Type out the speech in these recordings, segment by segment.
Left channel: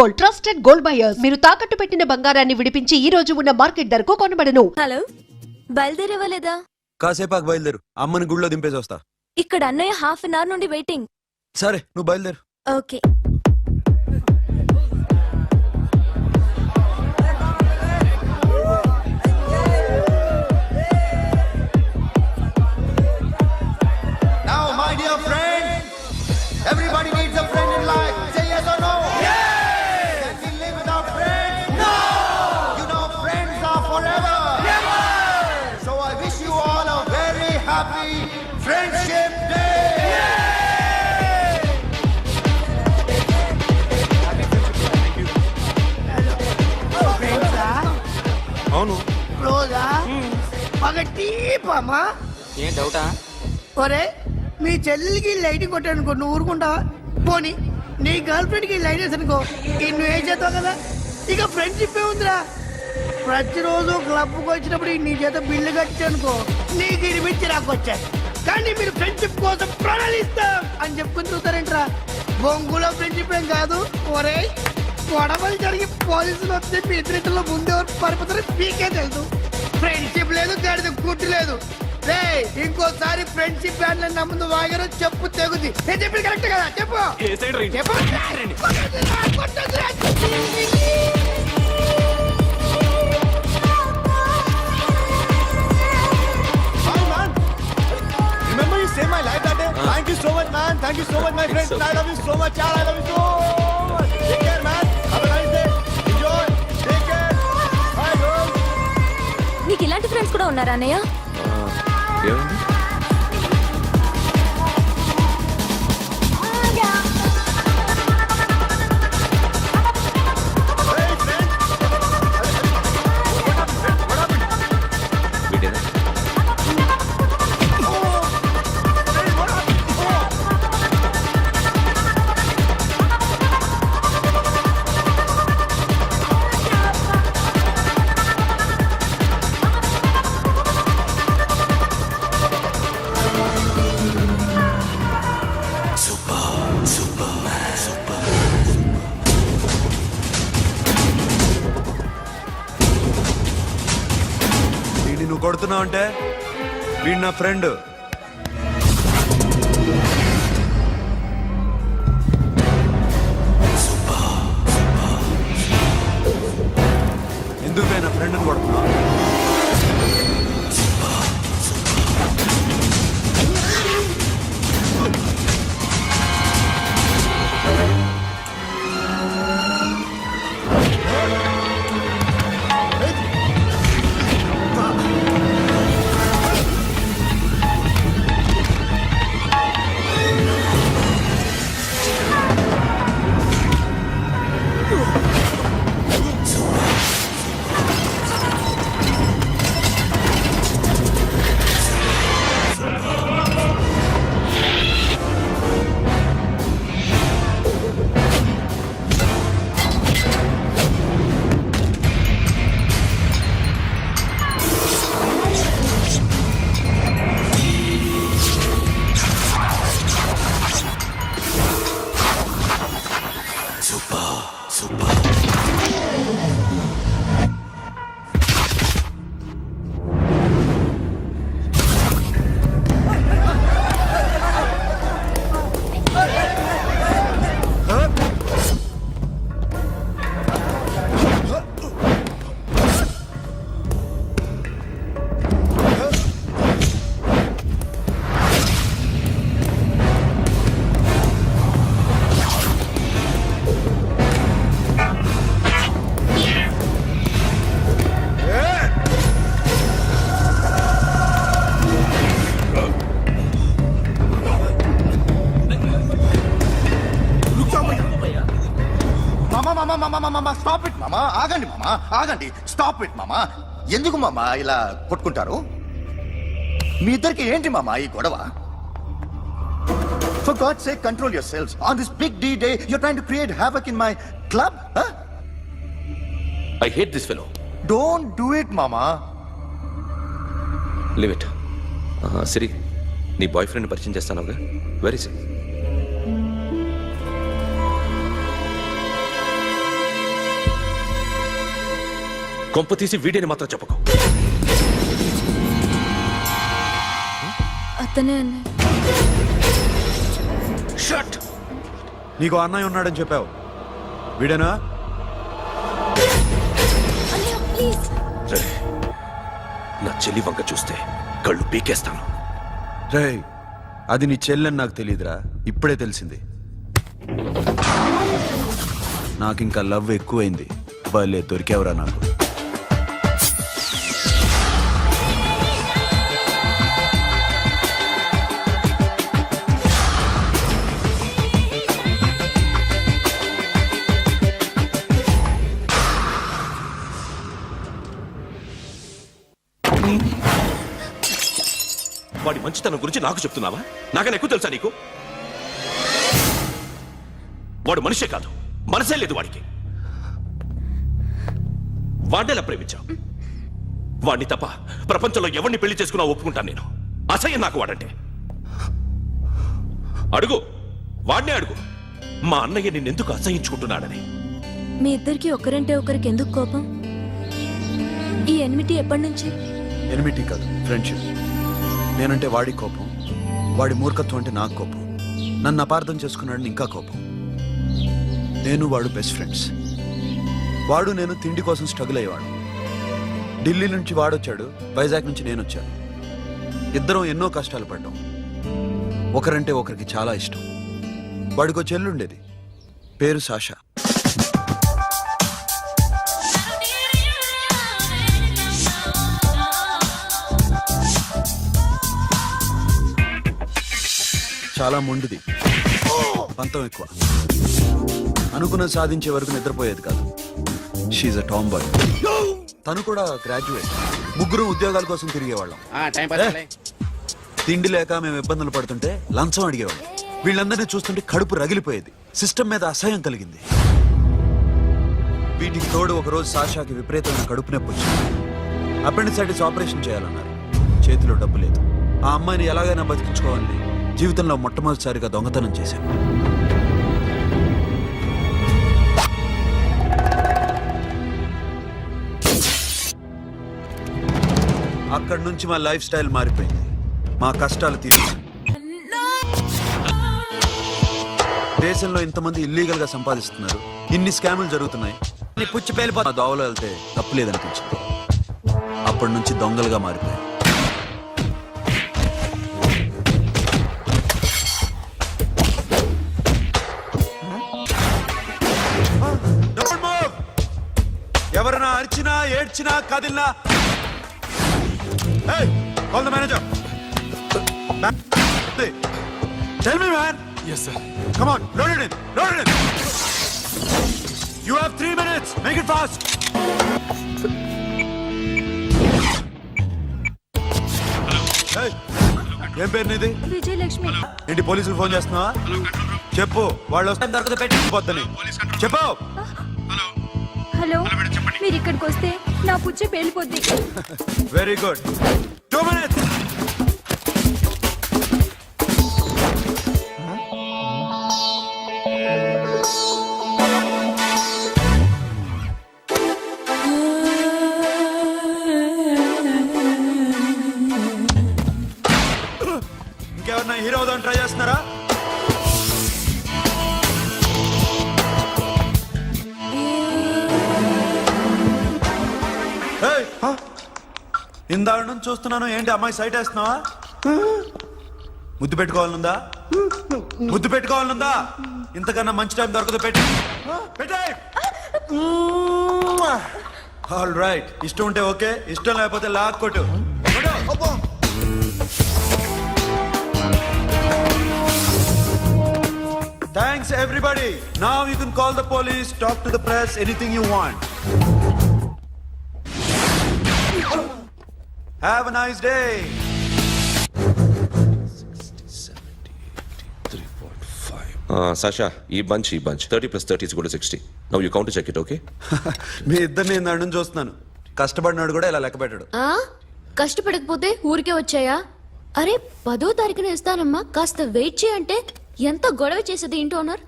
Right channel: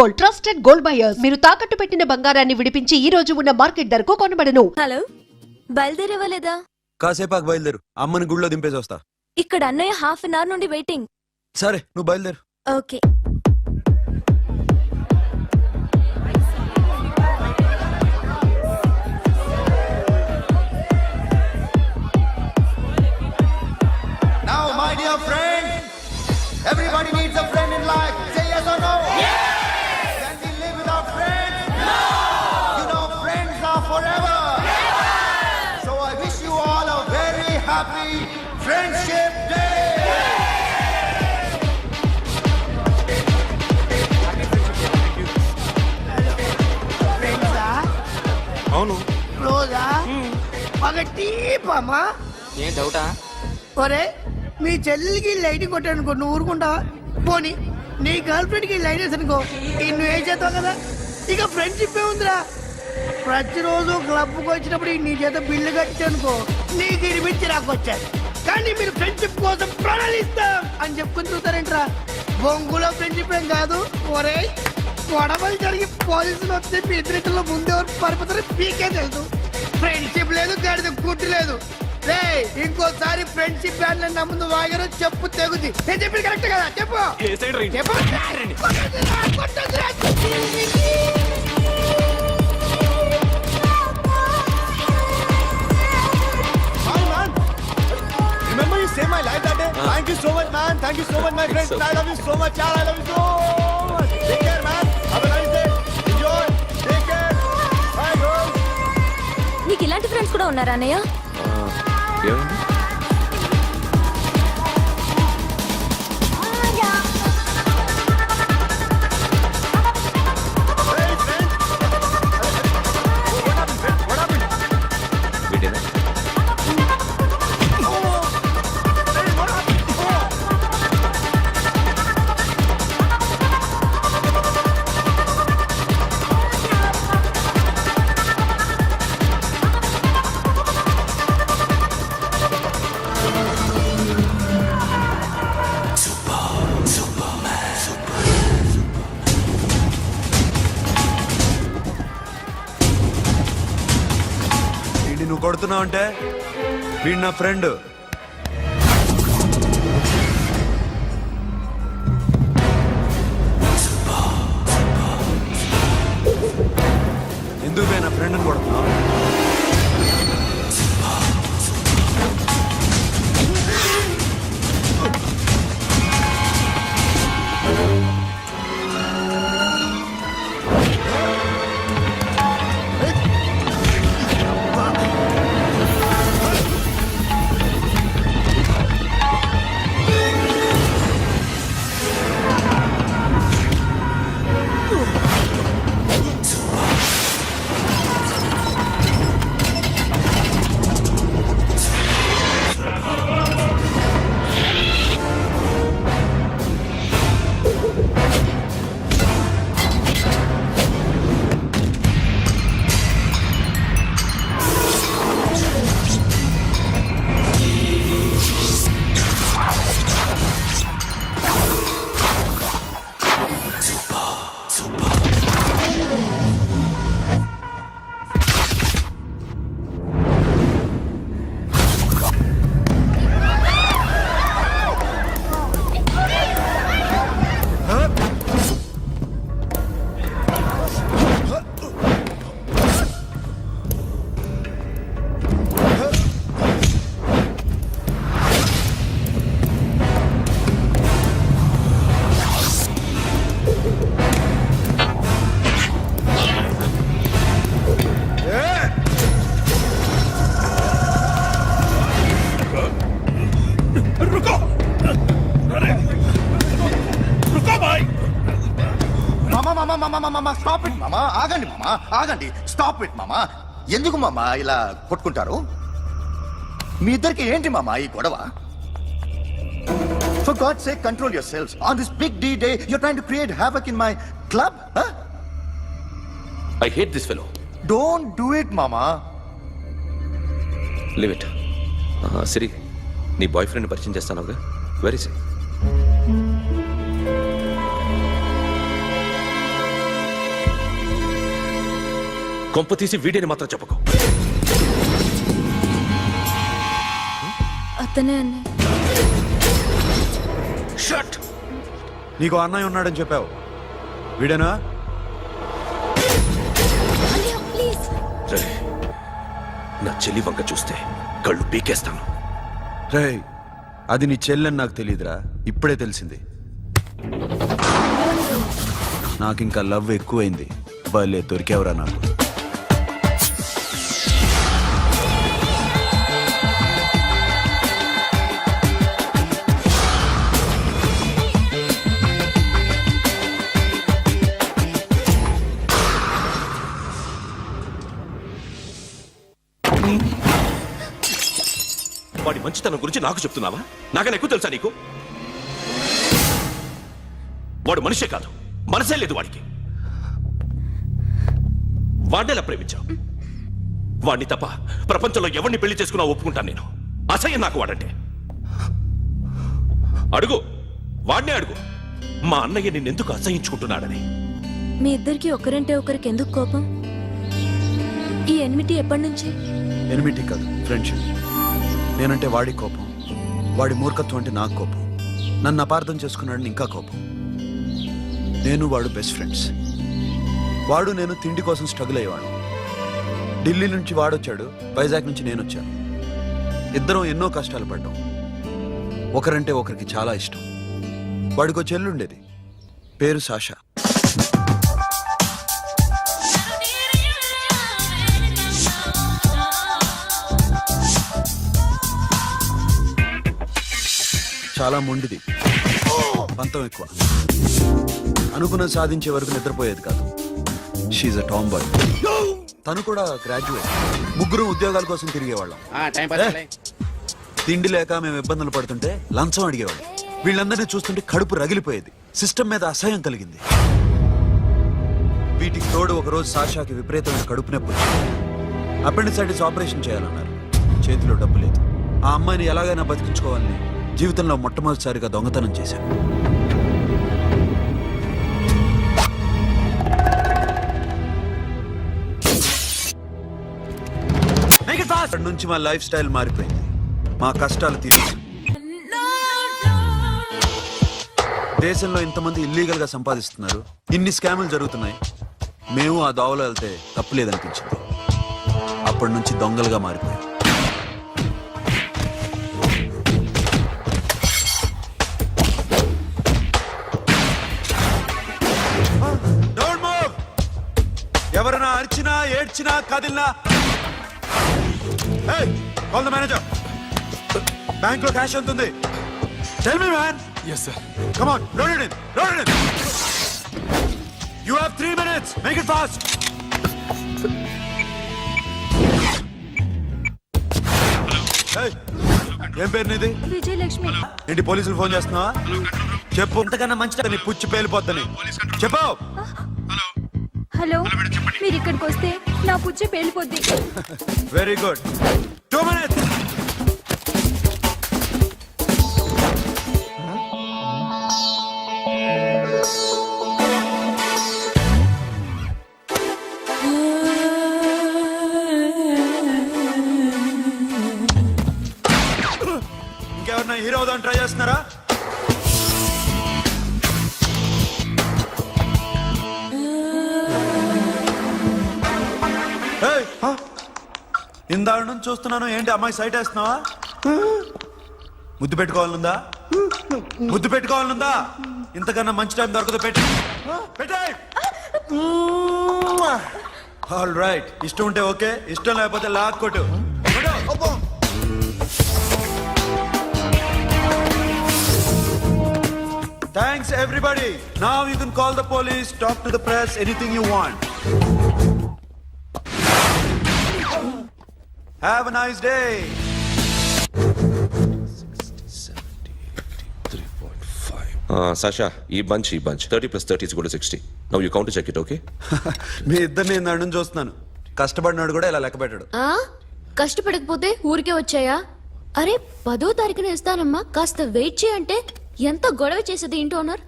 Gold, trusted gold buyers. మీరు తాకట్టు పెట్టిన బంగారాన్ని విడిపించి ఈ రోజు ఉన్న మార్కెట్ ధరకు కొనబడను. హలో, బయలుదేరేవాలేదా? కాసేపాకు బయలుదేరు, అమ్మని గుళ్ళో దింపేసి వస్తా. ఇక్కడ అన్నయ్య హాఫ్ అన్ అవర్ నుండి వెయిటింగ్. సరే, నువ్వు బయలుదేరు. Okay. Now, my dear friend, everybody needs a friend in life. Say yes or no? Yes! Can we live without friends? No! You know, friends are forever. Yes! So I wish you all a very happy Friendship Day. Happy Friendship Day. Thank you. Friends అవును. క్లోజా పగటి పామా ఏం డౌటా? ఒరే, మీ చెల్లెలికి lighting కొట్టానుకో, నువ్వు ఊరుకుంటావా? పోనీ నీ girl friend కి లైట్ వేసి అనుకో, నువ్వు ఏం చేస్తావు కదా. ఇక ఫ్రెండ్షిప్ ఏ ఉందిరా. ప్రతిరోజు క్లబ్కి వచ్చినప్పుడు నీ చేత బిల్లు కట్టించనుకో, నీకు ఇరిమిచ్చి రాకొచ్చాను. కానీ మీరు ఫ్రెండ్షిప్ కోసం ప్రణాళిస్తాం అని చెప్పుకుని చూస్తారేంట్రా? బొంగులో ఫ్రెండ్షిప్ ఏం కాదు. ఒరే, గొడవలు జరిగి పోలీసులు వస్తే మీ ఇద్దరిలో ముందెవరు పరిపోతారో మీకే తెలుసు. ఫ్రెండ్షిప్ లేదు, గడిద గుడ్డు లేదు. రే, ఇంకోసారి ఫ్రెండ్షిప్ బ్యాండ్ నా ముందు వాగారు చెప్పు తెగుద్ది. నేను చెప్పింది కరెక్ట్ కదా? చెప్పు చెప్పు. Hi, man. Remember you saved my life that day? Thank you so much, man. Thank you so much, my friend. I love you so much, yaar. I love you so much. Take care, man. Have a nice day. Enjoy. Take care. Bye, girls. నీకు ఇలాంటి friends కూడా ఉన్నారా అన్నయ్య? ఏమైంది? Hey, friend. What happened, friend? What happened? వీడేనా? Oh, friend, what happened? Oh. వీడిని నువ్వు కొడుతున్నావు అంటే వీడు నా ఫ్రెండ్. ఎందుకు పోయి నా ఫ్రెండ్ని కొడుతున్నావు? మామా స్టాప్ ఇట్ మామా. ఆగండి మామా, ఆగండి. స్టాప్ ఇట్ మామా. ఎందుకు మామా ఇలా కొట్టుకుంటారు? మీ ఇద్దరికి ఏంటి మామా ఈ గొడవ? For God's sake, control yourselves. On this big D day, you're trying to create havoc in my club? Huh? I hate this fellow. Don't do it, mama. Leave it. సిరి, నీ బాయ్ ఫ్రెండ్ పరిచయం చేస్తానుగా. Very సే కొంప తీసి వీడిని మాత్రం చెప్పకు. అతనే అన్నయ్య. Shut. నీకు అన్నయ్య ఉన్నాడని చెప్పావు, వీడేనా? అన్నయ్య ప్లీజ్. రే, నా చెల్లి వంక చూస్తే కళ్ళు పీకేస్తాను. రేయ్, అది నీ చెల్లెని నాకు తెలియదురా, ఇప్పుడే తెలిసింది. నాకింకా లవ్ ఎక్కువైంది. భలే దొరికావురా నాకు. వాడి మంచితనం గురించి నాకు చెప్తున్నావా? నాకన్నా ఎక్కువ తెలుసా నీకు? వాడు మనిషే కాదు, మనసే లేదు వాడికి. వాడినేలా ప్రేమించావు? వాడిని తప్ప ప్రపంచంలో ఎవరిని పెళ్లి చేసుకున్నా ఒప్పుకుంటాను నేను. అసహ్యం నాకు వాడంటే. అడుగు, వాడినే అడుగు, మా అన్నయ్య నిన్నెందుకు అసహించుకుంటున్నాడని. మీ ఇద్దరికి ఒకరంటే ఒకరికి ఎందుకు కోపం? ఈ ఎనిమిటి ఎప్పటి నుంచి? ఎనిమిటీ కాదు, ఫ్రెండ్షిప్. నేనంటే వాడి కోపం, వాడి మూర్ఖత్వం అంటే నాకు కోపం. నన్ను అపార్థం చేసుకున్నాడని ఇంకా కోపం. నేను వాడు బెస్ట్ ఫ్రెండ్స్. వాడు నేను తిండి కోసం స్ట్రగుల్ అయ్యేవాడు. ఢిల్లీ నుంచి వాడొచ్చాడు, వైజాగ్ నుంచి నేను వచ్చాను. ఇద్దరం ఎన్నో కష్టాలు పడ్డాం. ఒకరంటే ఒకరికి చాలా ఇష్టం. వాడికో చెల్లుండేది, పేరు సాషా. చాలా మొండిది, పంతం ఎక్కువ. అనుకున్నది సాధించే వరకు నిద్రపోయేది కాదు. She's a tomboy. తను కూడా గ్రాడ్యుయేట్. ముగ్గురు ఉద్యోగాల కోసం తిరిగేవాళ్ళం. తిండి లేక మేము ఇబ్బందులు పడుతుంటే లంచం అడిగేవాళ్ళం. వీళ్ళందరినీ చూస్తుంటే కడుపు రగిలిపోయేది. సిస్టమ్ మీద అసహ్యం కలిగింది. వీటికి తోడు ఒకరోజు సాషాకి విపరీతమైన కడుపు నొప్పి వచ్చింది. అపెండిసైటిస్ ఆపరేషన్ చేయాలన్నారు. చేతిలో డబ్బు లేదు. ఆ అమ్మాయిని ఎలాగైనా బతికించుకోవాలని జీవితంలో మొట్టమొదటిసారిగా దొంగతనం చేశాను. అక్కడి నుంచి మా లైఫ్ స్టైల్ మారిపోయింది. మా కష్టాలు తీరు. దేశంలో ఇంతమంది ఇల్లీగల్ గా సంపాదిస్తున్నారు, ఇన్ని స్కాములు జరుగుతున్నాయి. మేము ఆ దోవలో వెళ్తే తప్పులేదనిపించింది. అప్పటి నుంచి దొంగలుగా మారిపోయాం. ఎవరైనా అరిచినా ఏడ్చినా కదిలినా కాల్ ద మేనేజర్. బ్యాంక్ లో క్యాష్ ఉంటుంది. Tell me man. Yes, sir. Come on, load it in, load it in. You have 3 minutes. Make it fast. ఏం పేరు నీది? విజయలక్ష్మి. ఏంటి పోలీసులు ఫోన్ చేస్తున్నావా? చెప్పు, వాళ్ళు వస్తే నీ కుర్చీ వెళ్ళిపోద్దని చెప్పు. హలో, మీరు ఇక్కడికి వస్తే నా పుచ్చ పేలిపోద్ది. Very good. 2 minutes. ఇంకెవరన్నా హీరో అవుదాం ట్రై చేస్తున్నారా? ఇందాక నుంచి చూస్తున్నాను, ఏంటి అమ్మాయి సైట్ వేస్తున్నావా? ముద్దు పెట్టుకోవాలనుందా? ముద్దు పెట్టుకోవాలనుందా? ఇంతకన్నా మంచి టైం దొరకదు. పెట్టే. ఆల్ రైట్, ఇష్టం ఉంటే ఓకే, ఇష్టం లేకపోతే లాక్ కొట్టు. Thanks everybody. Now you can call the police, talk to the press, anything you want. Have a nice day. 3.5. Sasha, ఈ bunch 30 plus 30 is equal to 60. Now you count to check it, okay? మీ ఇద్దరిని ఇందాక నుంచి చూస్తున్నాను. కష్టపడినాడు కూడా ఇలా లెక్క పెట్టాడు. కష్టపడకపోతే ఊరికే వచ్చాయా? అరే 10వ తారీఖున ఇస్తానమ్మా, కాస్త వెయిట్ చేయంటే ఎంత గొడవ చేసేది ఇంటి ఓనర్.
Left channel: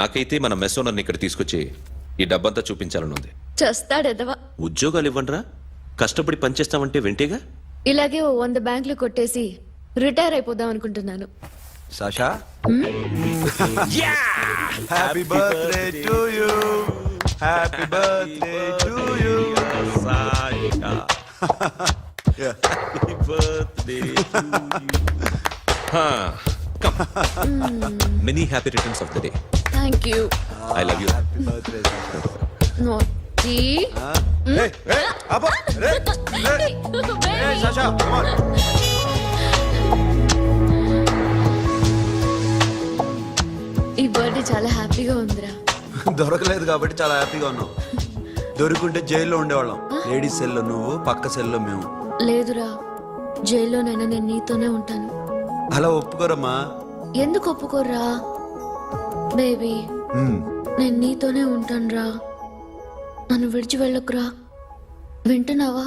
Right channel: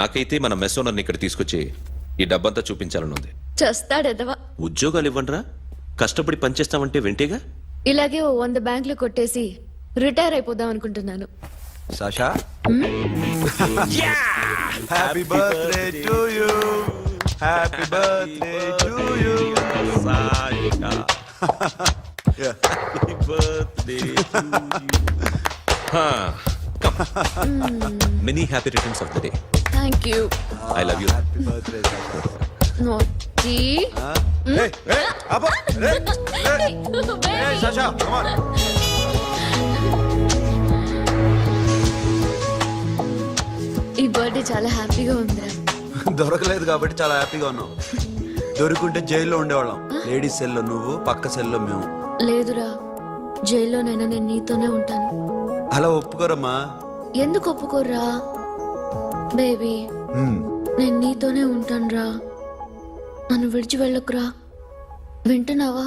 నాకైతే మన మెస్ ఓనర్ని ఇక్కడ తీసుకొచ్చి ఈ డబ్బంతా చూపించాలని ఉంది. చస్తాడెదవా. ఉద్యోగాలు ఇవ్వండిరా, కష్టపడి పనిచేస్తామంటే వింటేగా. ఇలాగే ఓ 100 బ్యాంకులు కొట్టేసి రిటైర్ అయిపోదాం అనుకుంటున్నాను. Sasha happy birthday to you, happy birthday to you. Many happy returns of the day. Thank you. I love you. Happy birthday Sasha. నోటి సాషా come on. ఈ బర్త్డే చాలా హ్యాపీగా ఉందిరా. దొరకలేదు కాబట్టి చాలా హ్యాపీగా ఉన్నాం. దొరికింటే జైల్లో ఉండేవాళ్ళం. లేడీస్ సెల్లో నువ్వు, పక్క సెల్లో మేము. లేదురా, జైల్లోనైనా నేను నీతోనే ఉంటాను. అలా ఒప్పుకోరమ్మా. ఎందుకు ఒప్పుకోర్రా బేబీ? నేను నీతోనే ఉంటానురా, నన్ను విడిచి వెళ్ళకురా. వింటున్నావా?